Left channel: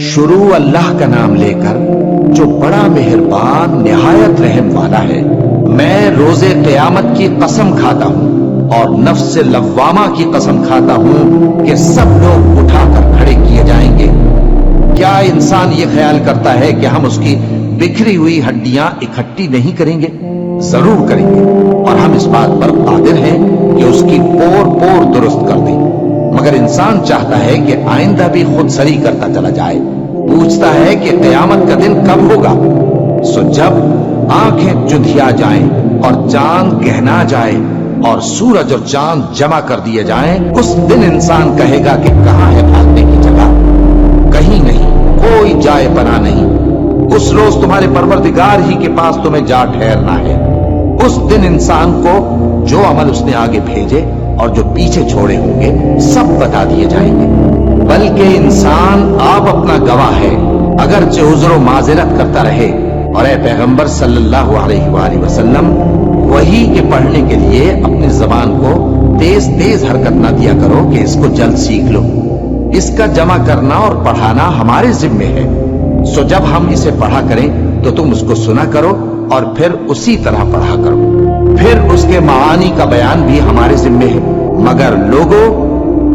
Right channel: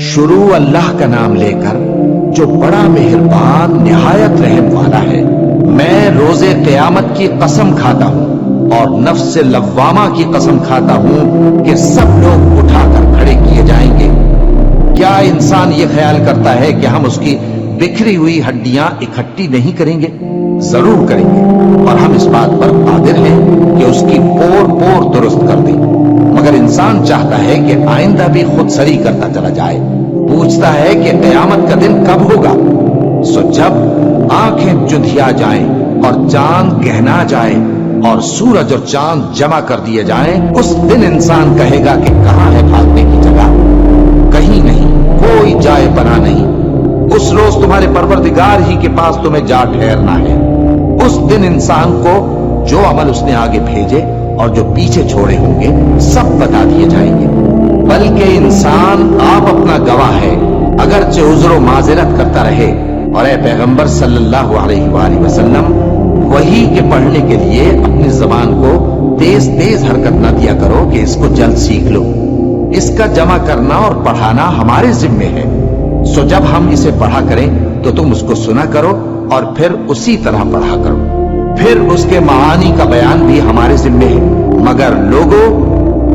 شروع اللہ کا نام لے کر جو بڑا مہربان نہایت رحم والا ہے۔ میں روز قیامت کی قسم کھاتا ہوں اور نفس لوامہ کی قسم کھاتا ہوں کہ سب لوگ اٹھا کر کھڑے کیے جائیں گے۔ کیا انسان یہ خیال کرتا ہے کہ ہم اس کی بکھری ہوئی ہڈیاں اکٹھی نہیں کریں گے؟ ضرور کریں گے، اور ہم اس بات پر قادر ہیں کہ اس کی پور پور درست کر دیں۔ مگر انسان چاہتا ہے کہ آئندہ بھی خود سری کرتا چلا جائے، پوچھتا ہے کہ قیامت کا دن کب ہوگا۔ سو جب آنکھیں چندھیا جائیں اور چاند گہنا جائے اور سورج اور چاند جمع کر دیے جائیں، اس دن انسان کہے گا کہ کہاں ہے بھاگنے کی جگہ؟ کہیں نہیں، کوئی جائے پناہ نہیں۔ اس روز تمہارے پروردگار ہی کے پاس تمہیں جا ٹھہرنا ہے۔ اس دن انسان کو جو عمل اس نے آگے بھیجے اور جو پیچھے چھوڑے ہوں گے سب بتا دیے جائیں گے۔ بلکہ انسان آپ اپنا گواہ ہے، اگرچہ عذر و معذرت کرتا رہے۔ اور اے پیغمبر صلی اللہ علیہ وآلہ وسلم، وحی کے پڑھنے کے لیے اپنی زبان کو تیز تیز حرکت نہ دیا کرو کہ اس کو جلد سیکھ لو۔ اس کا جمع کرنا اور پڑھانا ہمارے ذمے ہے۔ سو جب ہم اسے پڑھا کریں تو تم اس کو سنا کرو اور پھر اسی طرح پڑھا کرو۔ پھر اس کے معانی کا بیان بھی ہمارے ذمے ہے۔ مگر لوگوں،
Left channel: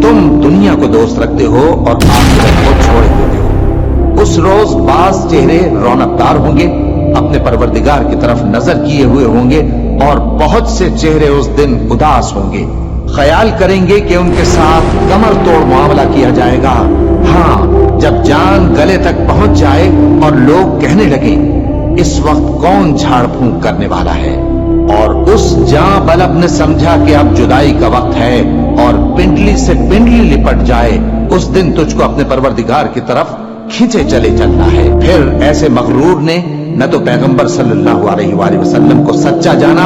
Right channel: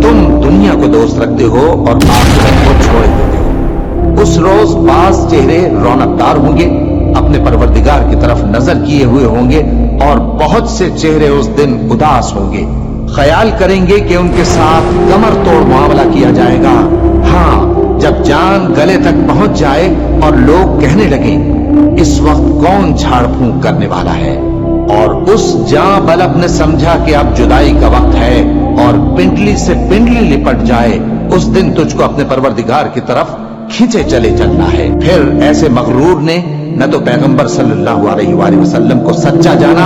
تم دنیا کو دوست رکھتے ہو اور آخرت کو چھوڑ دیتے ہو۔ اس روز بعض چہرے رونقدار ہوں گے، اپنے پروردگار کی طرف نظر کیے ہوئے ہوں گے، اور بہت سے چہرے اس دن اداس ہوں گے، خیال کریں گے کہ ان کے ساتھ کمر توڑ معاملہ کیا جائے گا۔ ہاں، جب جان گلے تک پہنچ جائے اور لوگ کہنے لگیں اس وقت کون جھاڑ پھونک کرنے والا ہے، اور اس جاں بلب نے سمجھا کہ اب جدائی کا وقت ہے اور پنڈلی سے پنڈلی لپٹ جائے، اس دن تجھ کو اپنے پروردگار کی طرف کھینچے چلے چلنا ہے۔ پھر ایسے مغرور نے نہ تو پیغمبر صلی اللہ علیہ وآلہ وسلم کو سچا جانا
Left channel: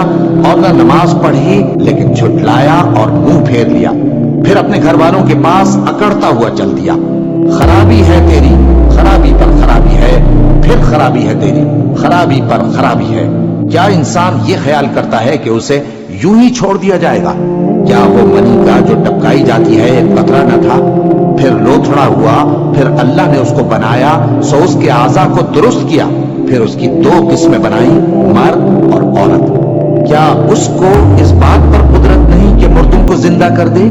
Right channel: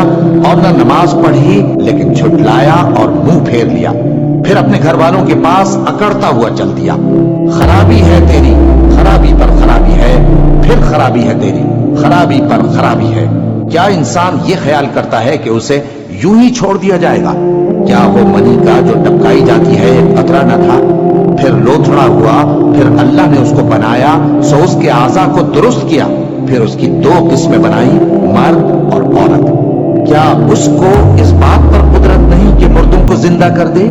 اور نہ نماز پڑھی، لیکن جھٹلایا اور منہ پھیر لیا۔ پھر اپنے گھر والوں کے پاس اکڑتا ہوا چل دیا۔ خرابی ہے تیری، خرابی پر خرابی ہے، پھر خرابی ہے تیری، خرابی پر خرابی ہے۔ کیا انسان یہ خیال کرتا ہے کہ اسے یوں ہی چھوڑ دیا جائے گا؟ کیا وہ منی کا جو ٹپکائی جاتی ہے ایک قطرہ نہ تھا، پھر لوتھڑا ہوا، پھر اللہ نے اس کو بنایا، سو اس کے اعضاء کو درست کیا، پھر اس کی دو قسمیں بنائی، مرد اور عورت۔ کیا اس کو اس بات پر قدرت نہیں کہ مردوں کو زندہ کر دے؟